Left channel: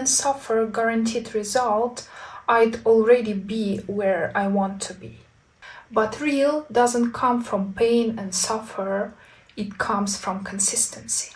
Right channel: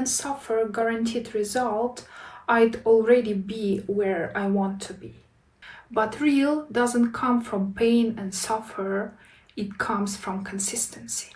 and suffer guaranteed result, I'd already be where I want to be. But real doesn't come from pain and suffer, it comes from consistency.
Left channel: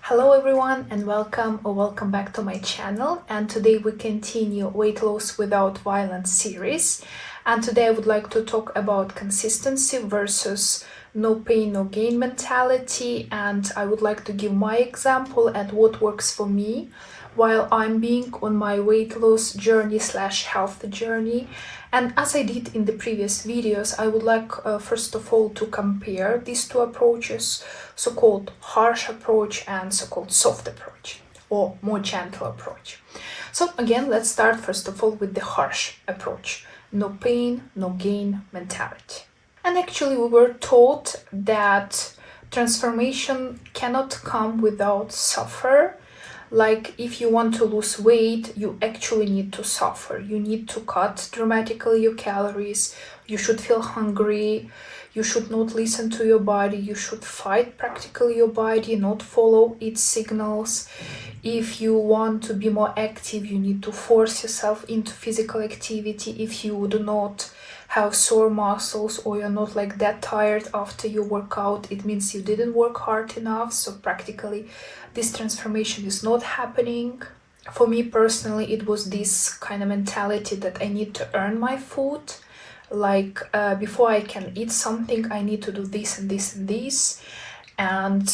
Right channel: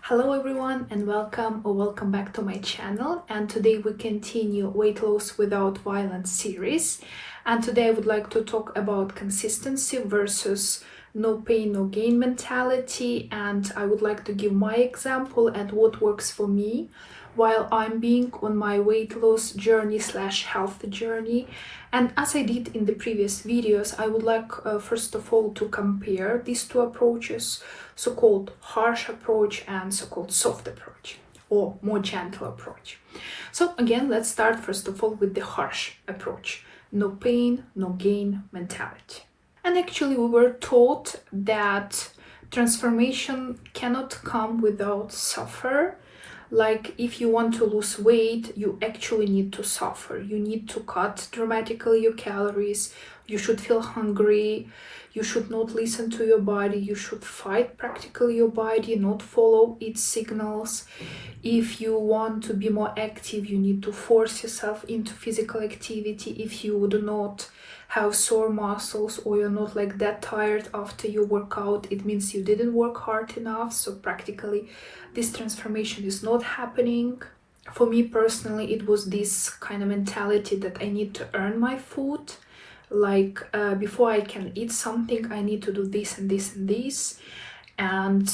Hello everyone and welcome back to my channel, and today we continue Weight Loss Without Violence series, and today I would like to talk about consistency versus no pain no gain mentality, and I would like to give my example and what works for me while I'm being on my weight loss journey / health journey. And as I did in the previous videos, I would like first of all to compare these two approaches, so-called harsh approach and so-called soft approach, or more gentle approach. So again, let's start first of all with the harsh approach. No pain, no gain mentality. And actually we were taught that transformation cannot come without suffer. Like if you want to lose weight, you actually need to suffer. You need to cut dramatically your calories. You should feel hungry. You should not listen to your body. You should fight practically your body, not follow its signals. If you want to be more active, you need to force yourself into physical activity. If you do not have sore muscles or you're not like that tired after you work out, it means you didn't work hard enough. So practically this transformation is not happening. For me personally, it was this kind of mentality that I need to earn my food. Like before I can eat something, I need to do this and this and this. And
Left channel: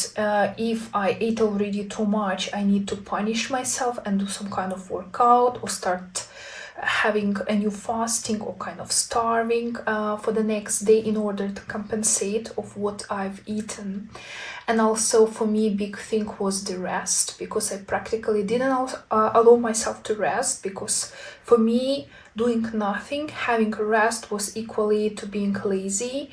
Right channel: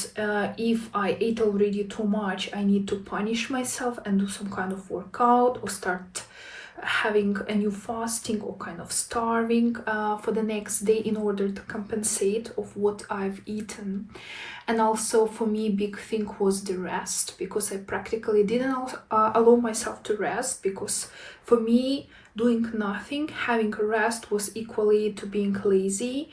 if I ate already too much, I need to punish myself and do some kind of workout or start having a new fasting or kind of starving for the next day in order to compensate of what I've eaten. And also for me, big thing was the rest, because I practically didn't allow myself to rest, because for me doing nothing, having a rest was equally to being lazy.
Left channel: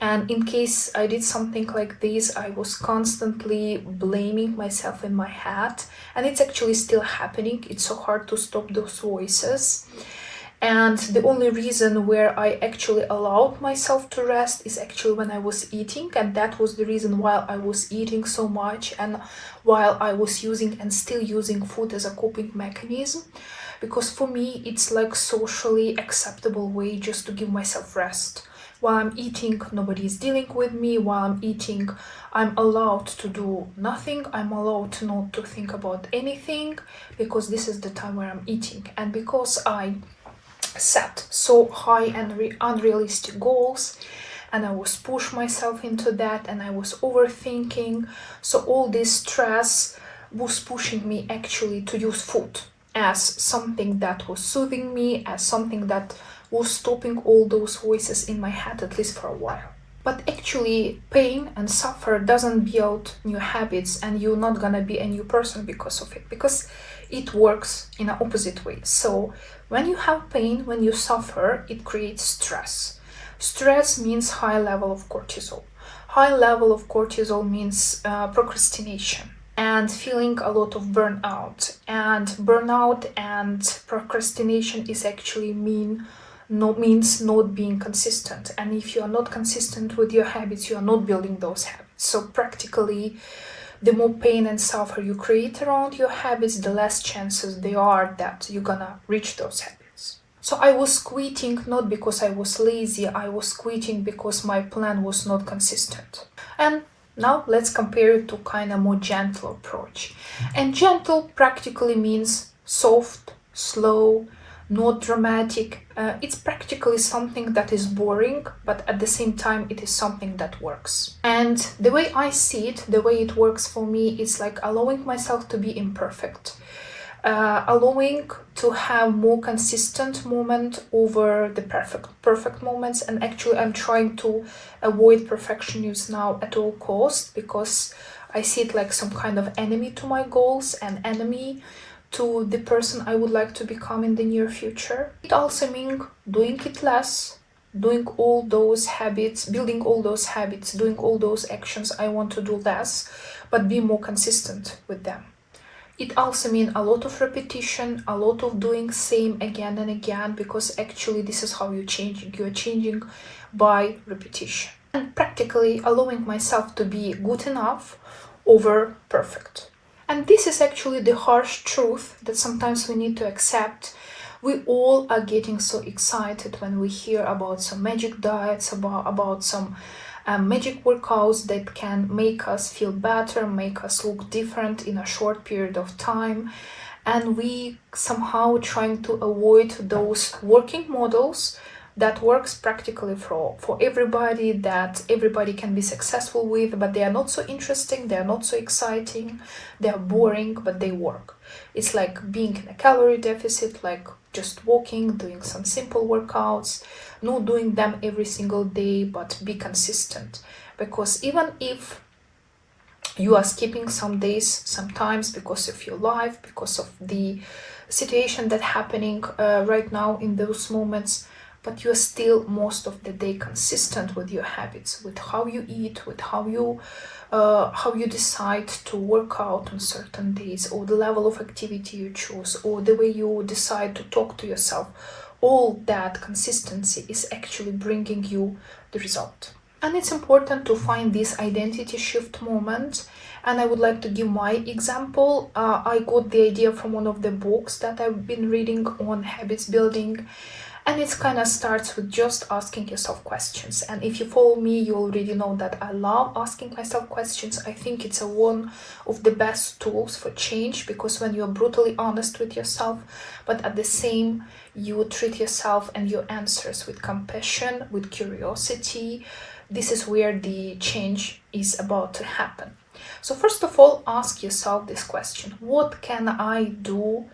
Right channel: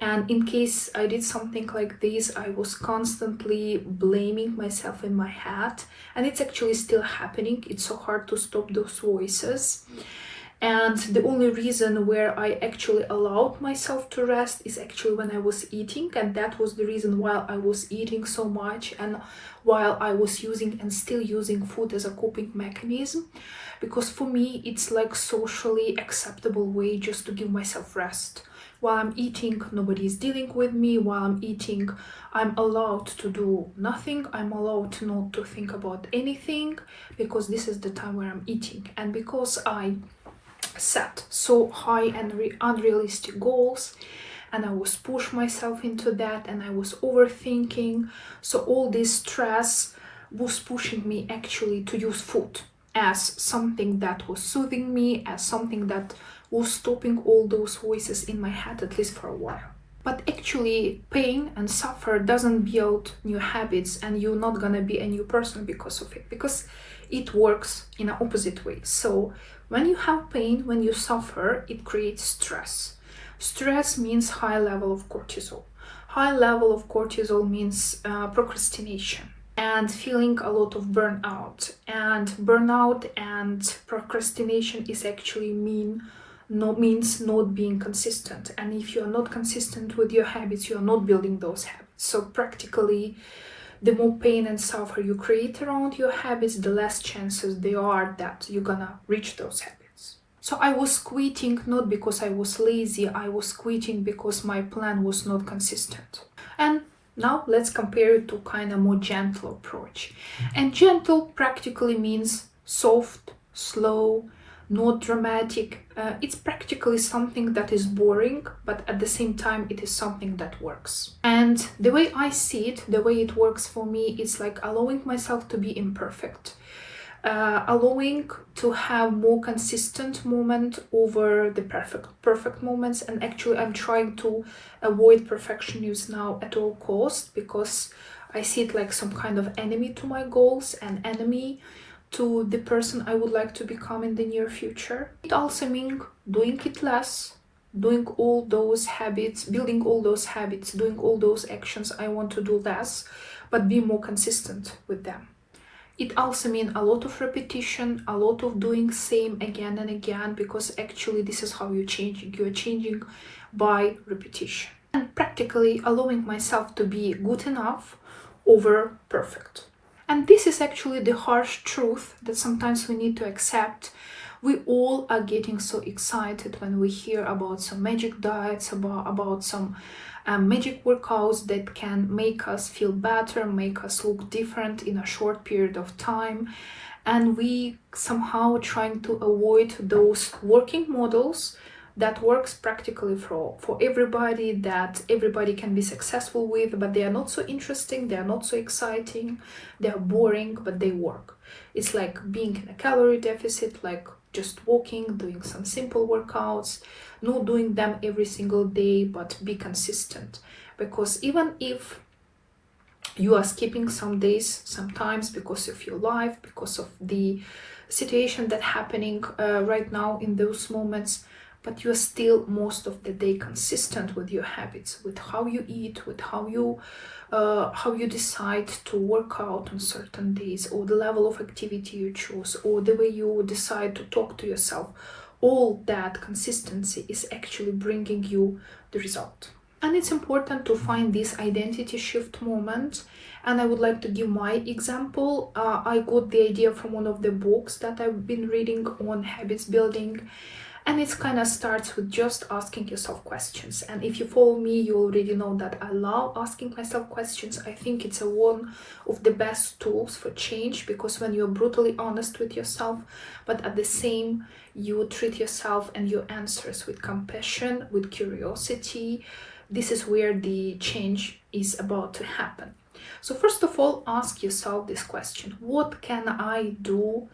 And in case I did something like this, I was constantly blaming myself in my head. And it's actually still happening. It's so hard to stop those voices. And the only reason where I actually allowed myself to rest is actually when I was eating. And that was the reason why I was eating so much and while I was using and still using food as a coping mechanism. Because for me, it's like socially acceptable way just to give myself rest. While I'm eating, nobody is dealing with me. While I'm eating, I'm allowed to do nothing. I'm allowed not to think about anything, because this is the time where I'm eating. And because I set so high and unrealistic goals, and I was push myself into that, and I was overthinking, so all this stress was pushing me actually to use food as something that was soothing me, as something that was stopping all those voices in my head, at least for a while. But actually pain and suffer doesn't build new habits, and you're not gonna be a new person because of it, because it works in an opposite way. So when you have pain, when you suffer, it creates stress. Stress means high level of cortisol. High level of cortisol means procrastination and feeling a lot of burnout. And burnout and procrastination is actually means not being consistent. And if you are not consistent with your habits, you are not building those habits. So practically, the more pain and suffer you create around your habits, the less chances there are that you're gonna reach those habits. So I was quitting not because I was lazy, I was quitting because my plan was not consistent. And now let's compare it to kind of more gentle approach. And gentle practically means soft, slow, not dramatic. It's practically something that is boring, but at the same time it is something that works. And the way I see it, the way it works for me, it's like allowing myself to be imperfect, allowing to have more consistent moment over the perfect moments. And actually I'm trying to avoid perfectionism now at all costs, because I see it like some kind of enemy to my goals and enemy to the person I would like to become in the near future. It also means doing it less, doing all those habits, building all those habits, doing all those actions I want to do less, but be more consistent with them. It also means a lot of repetition, a lot of doing same again and again, because actually this is how you're changing. You're changing by repetition. And practically allowing myself to be good enough over perfect. And this is actually the harsh truth that sometimes we need to accept. We all are getting so excited when we hear about some magic diets, about some magic workouts that can make us feel better, make us look different in a short period of time. And we somehow trying to avoid those working models that works practically for everybody, that everybody can be successful with, but they are not so interesting, they are not so exciting, they are boring, but they work. It's like being in a calorie deficit, like just walking, doing some simple workouts, not doing them every single day, but be consistent. Because even if you are skipping some days sometimes because of your life, because of the situation that happening right now in those moments, but you're still most of the day consistent with your habits, with how you eat, with how you decide to work out on certain days, or the level of activity you choose, or the way you decide to talk to yourself. All that consistency is actually bringing you the result. And it's important to find this identity shift moment. And I would like to give my example. I got the idea from one of the books that I've been reading on habits building. And it kind of starts with just asking yourself questions. And if you follow me, you already know that I love asking myself questions. I think it's one of the best tools for change, because when you're brutally honest with yourself, but at the same, you treat yourself and your answers with compassion, with curiosity, this is where the change is about to happen. So first of all, ask yourself this question: what can I do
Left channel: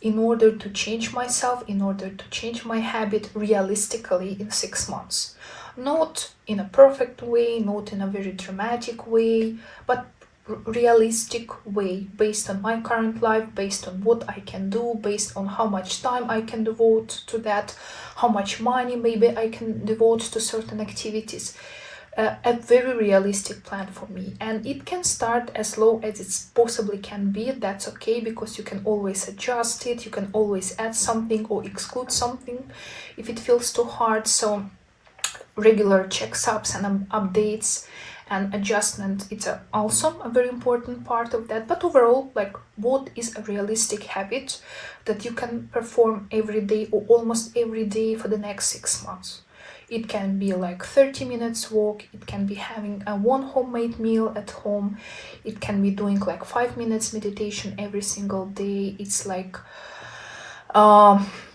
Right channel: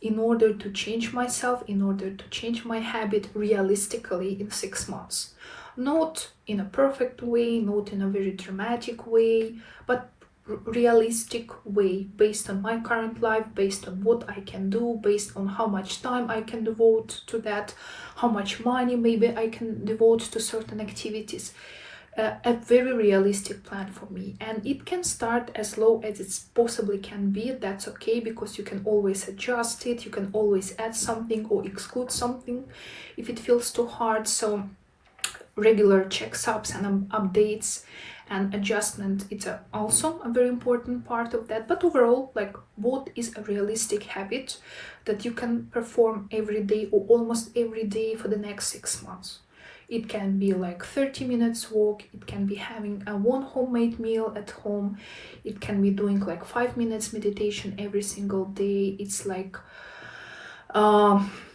in order to change myself, in order to change my habit realistically in 6 months? Not in a perfect way, not in a very dramatic way, but realistic way, based on my current life, based on what I can do, based on how much time I can devote to that, how much money maybe I can devote to certain activities. A very realistic plan for me, and it can start as low as it possibly can be. That's okay, because you can always adjust it, you can always add something or exclude something if it feels too hard. So regular checkups and updates and adjustment, it's also a very important part of that. But overall, like, what is a realistic habit that you can perform every day or almost every day for the next 6 months? It can be like 30 minutes walk, it can be having a one homemade meal at home, it can be doing like 5 minutes meditation every single day. It's like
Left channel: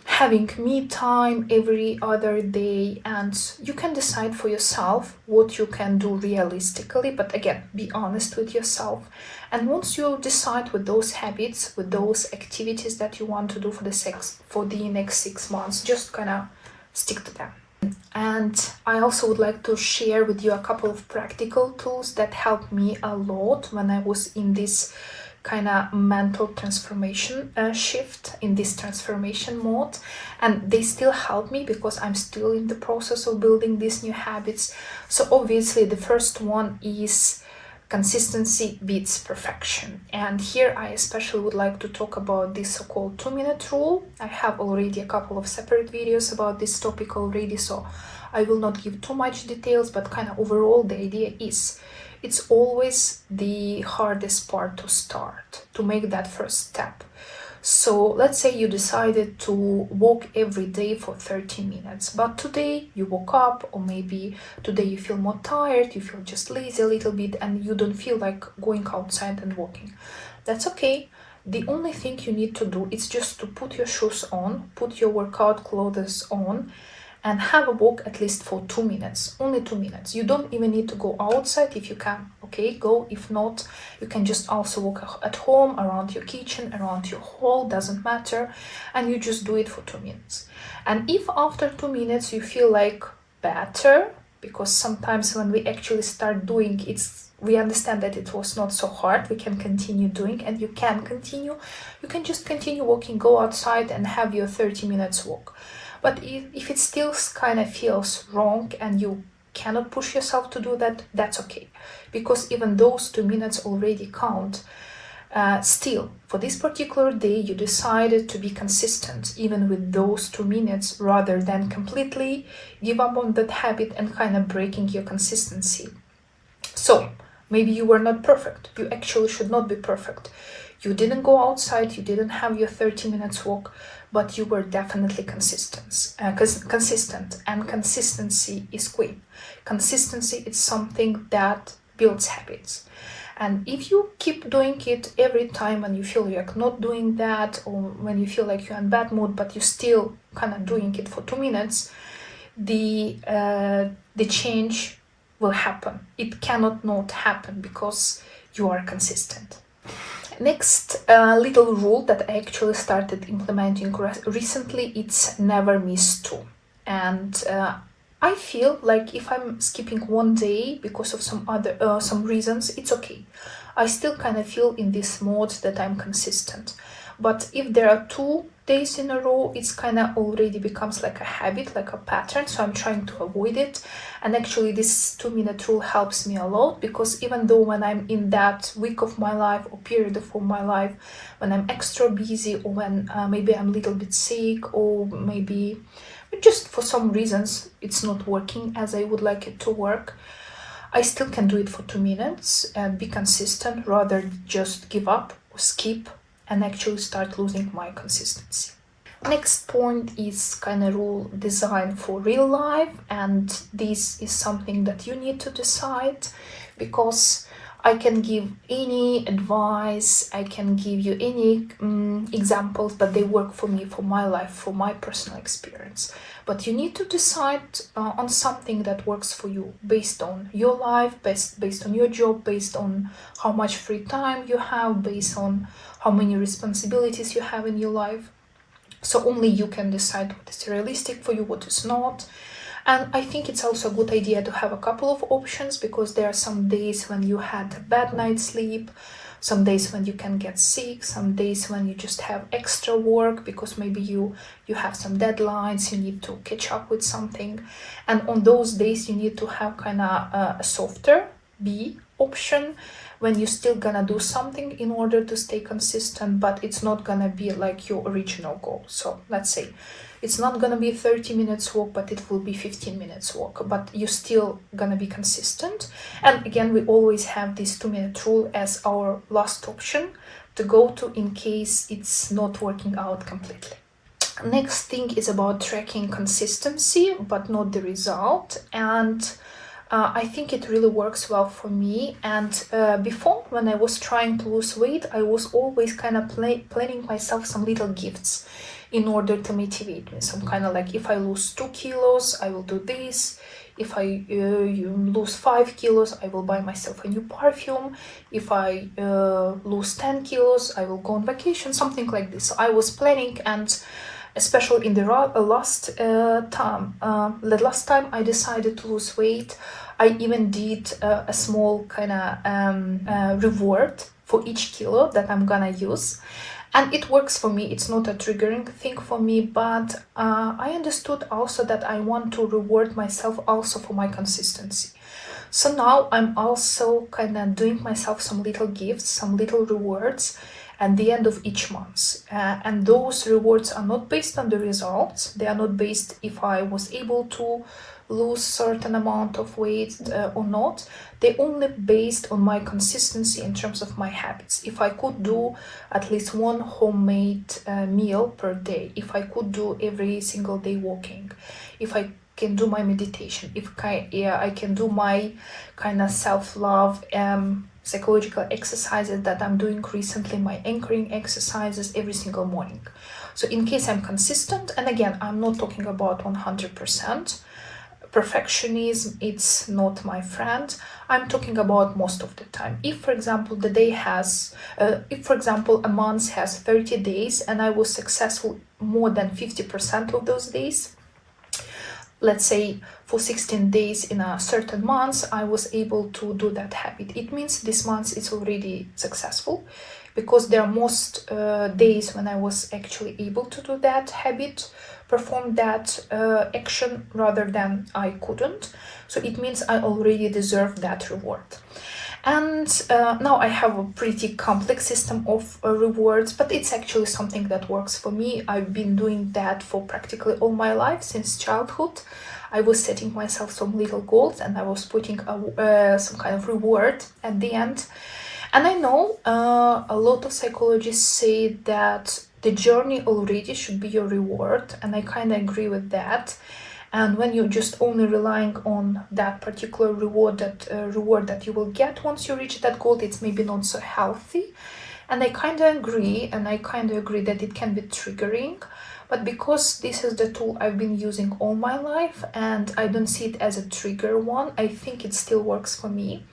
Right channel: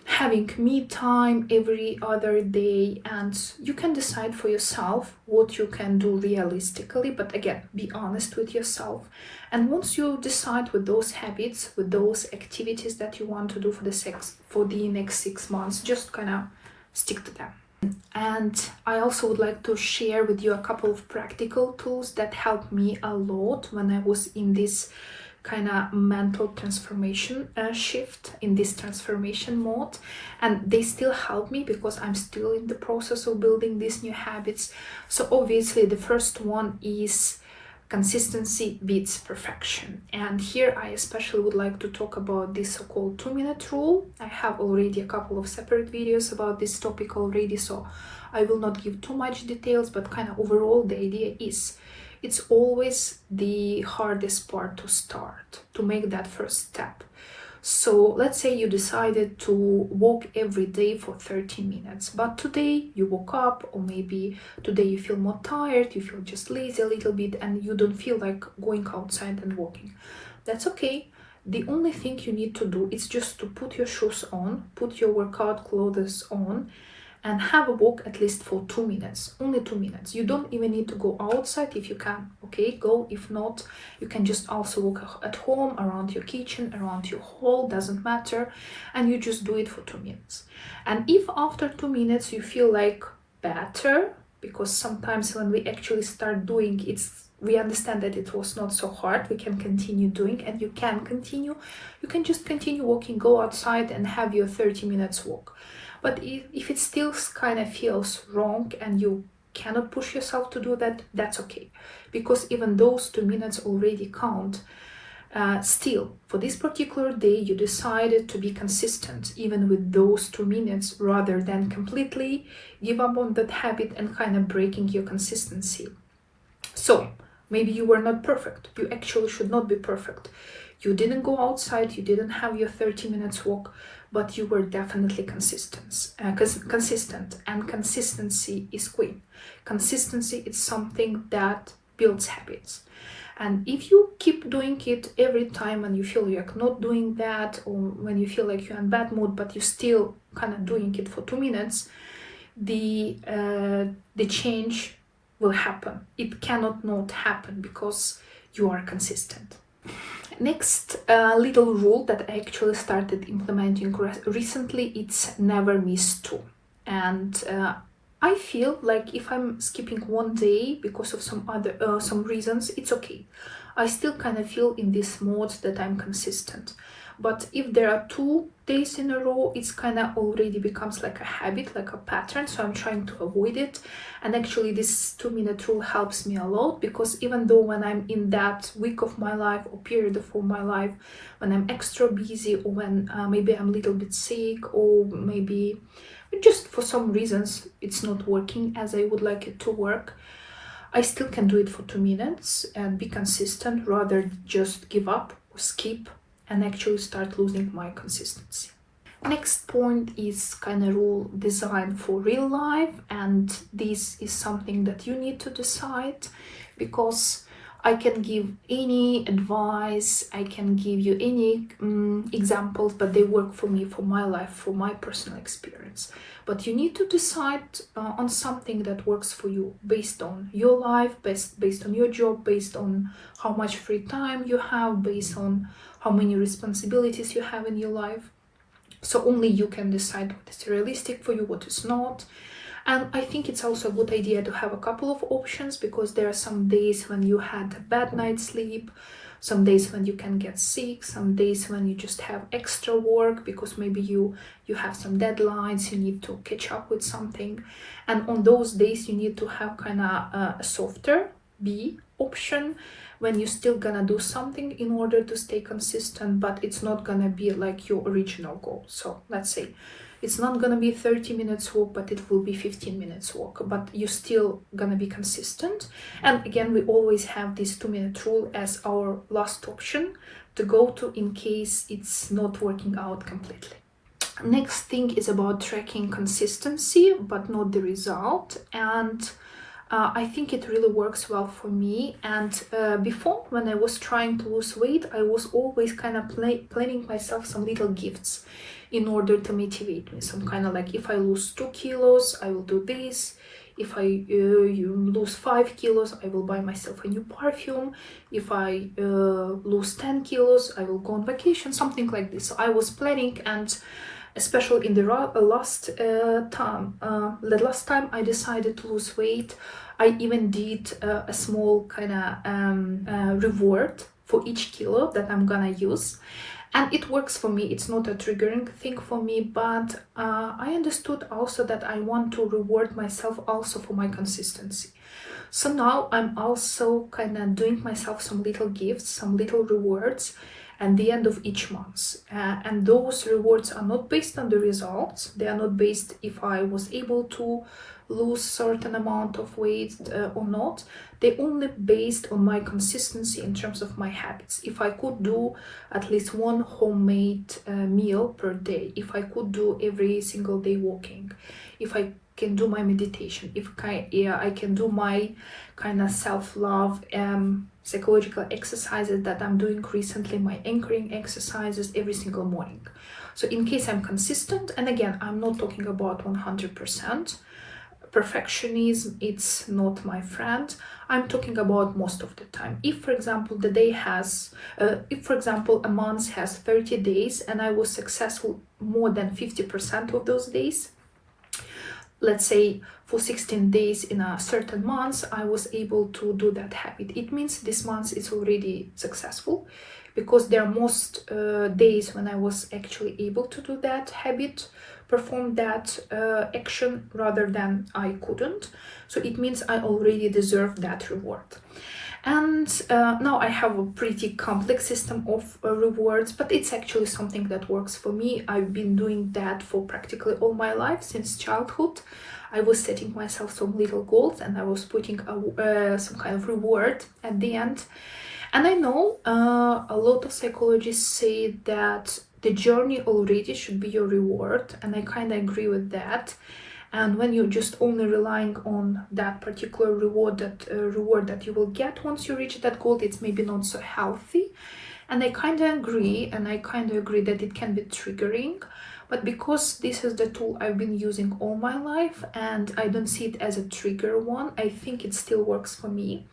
having me time every other day, and you can decide for yourself what you can do realistically. But again, be honest with yourself. And once you decide with those habits, with those activities that you want to do for the next 6 months, just kind of stick to them. And I also would like to share with you a couple of practical tools that helped me a lot when I was in this kind of mental transformation shift, in this transformation mode. And they still help me because I'm still in the process of building these new habits. So obviously the first one is consistency beats perfection. And here I especially would like to talk about this so-called 2-minute rule. I have already a couple of separate videos about this topic already, so I will not give too much details, but kind of overall the idea is it's always the hardest part to start, to make that first step. So let's say you decided to walk every day for 30 minutes, but today you woke up, or maybe today you feel more tired, you feel just lazy a little bit, and you don't feel like going outside and walking. That's okay. The only thing you need to do is just to put your shoes on, put your workout clothes on, and have a walk at least for 2 minutes, only 2 minutes. You don't even need to go outside. If you can, okay, go. If not, you can just also walk at home, around your kitchen, around your hall, doesn't matter, and you just do it for 2 minutes. And if after 2 minutes you feel like better, because sometimes when we actually start doing it, we understand that it was not so hard, we can continue doing, and you can continue. You can just continue walking, go outside and have your 30 minutes walk. But if it still kind of feels wrong and you cannot push yourself to do that, that's okay. Because even those 2 minutes already count. Still, for this particular day, you decided to be consistent, even with those 2 minutes, rather than completely give up on that habit and kind of breaking your consistency. So, Maybe you were not perfect. You actually should not be perfect. You didn't go outside, you didn't have your 30 minutes walk, but you were definitely consistent. Consistent, and consistency is queen. Consistency is something that builds habits. And if you keep doing it every time when you feel you're not doing that, or when you feel like you're in bad mood, but you're still kind of doing it for 2 minutes, the change will happen. It cannot not happen because you are consistent. Next little rule that I actually started implementing recently, it's never miss two. And I feel like if I'm skipping one day because of some reasons, it's okay. I still kind of feel in this mode that I'm consistent. But if there are 2 days in a row, it's kind of already becomes like a habit, like a pattern. So I'm trying to avoid it. And actually this 2-minute rule helps me a lot, because even though when I'm in that week of my life or period of my life, when I'm extra busy, or when maybe I'm a little bit sick, or maybe just for some reasons it's not working as I would like it to work, I still can do it for 2 minutes and be consistent, rather just give up or skip and actually start losing my consistency. Next point is kind of rule designed for real life, and this is something that you need to decide, because I can give any advice, I can give you any examples, but they work for me, for my life, for my personal experience. But you need to decide on something that works for you, based on your life, based on your job, based on how much free time you have, based on how many responsibilities you have in your life. So only you can decide what is realistic for you, what is not. And I think it's also a good idea to have a couple of options, because there are some days when you had a bad night's sleep, some days when you can get sick, some days when you just have extra work because maybe you have some deadlines, you need to catch up with something. And on those days you need to have kind of a softer B option, when you're still gonna do something in order to stay consistent, but it's not gonna be like your original goal. So let's say it's not gonna be 30 minutes walk, but it will be 15 minutes walk, but you're still gonna be consistent. And again, we always have this 2-minute rule as our last option to go to in case it's not working out completely. Next thing is about tracking consistency, but not the result. And I think it really works well for me. And before, when I was trying to lose weight, I was always kind of planning myself some little gifts in order to motivate me. Some kind of like, if I lose 2 kilos, I will do this. If I lose 5 kilos, I will buy myself a new perfume. If I lose 10 kilos, I will go on vacation, something like this. So I was planning, and especially in the last time I decided to lose weight, I even did a small kind of reward for each kilo that I'm gonna use. And it works for me. It's not a triggering thing for me, but I understood also that I want to reward myself also for my consistency. So now I'm also kind of doing myself some little gifts, some little rewards at the end of each month. And those rewards are not based on the results. They are not based if I was able to lose certain amount of weight or not. They only based on my consistency in terms of my habits. If I could do at least one homemade meal per day, if I could do every single day walking, if I can do my meditation, if I can do my kind of self-love psychological exercises that I'm doing recently, my anchoring exercises every single morning. So in case I'm consistent, and again, I'm not talking about 100%, perfectionism, it's not my friend. I'm talking about most of the time. If for example a month has 30 days and I was successful more than 50% of those days, let's say for 16 days in a certain month, I was able to do that habit. It means this month is already successful, because there are most days when I was actually able to do that habit, perform that action, rather than I couldn't. So it means I already deserve that reward. And now I have a pretty complex system of rewards, but it's actually something that works for me. I've been doing that for practically all my life since childhood. I was setting myself some little goals and I was putting some kind of reward at the end. And I know a lot of psychologists say that the journey already should be your reward, and I kind of agree with that. And when you're just only relying on that particular reward that you will get once you reach that goal, it's maybe not so healthy. And I kind of agree, that it can be triggering. But because this is the tool I've been using all my life and I don't see it as a trigger one, I think it still works for me.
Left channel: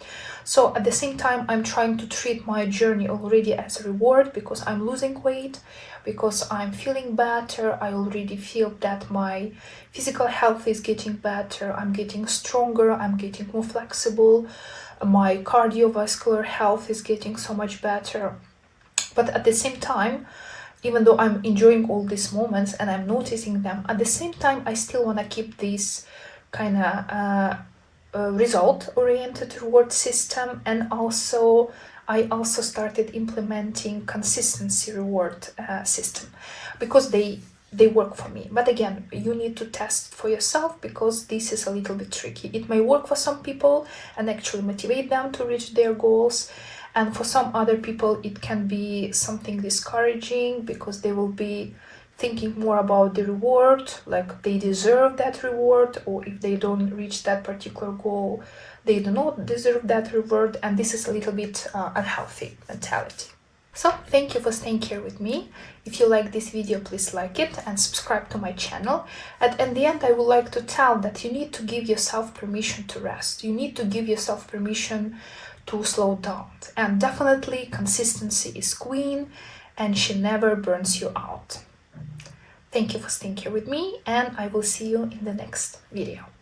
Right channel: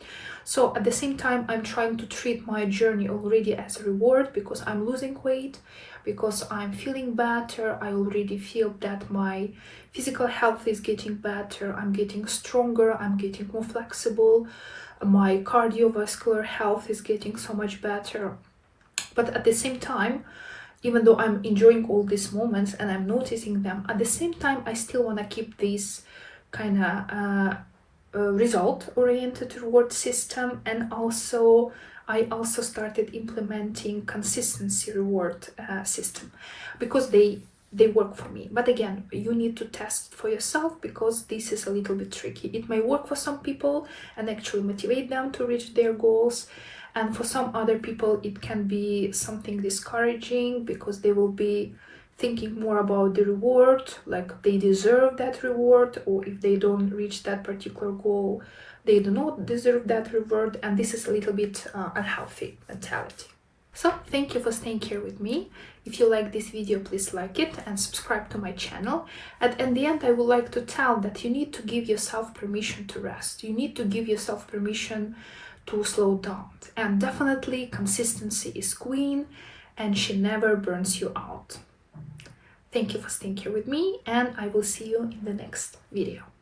So at the same time, I'm trying to treat my journey already as a reward because I'm losing weight, because I'm feeling better. I already feel that my physical health is getting better. I'm getting stronger. I'm getting more flexible. My cardiovascular health is getting so much better. But at the same time, even though I'm enjoying all these moments and I'm noticing them, at the same time, I still want to keep this kind of result-oriented reward system. And also, I also started implementing consistency reward system because they work for me. But again, you need to test for yourself because this is a little bit tricky. It may work for some people and actually motivate them to reach their goals. And for some other people, it can be something discouraging because they will be thinking more about the reward, like they deserve that reward, or if they don't reach that particular goal, they do not deserve that reward. And this is a little bit unhealthy mentality. So thank you for staying here with me. If you like this video, please like it and subscribe to my channel. And in the end, I would like to tell that you need to give yourself permission to rest. You need to give yourself permission to slow down. And definitely consistency is queen and she never burns you out. Thank you for staying here with me and I will see you in the next video.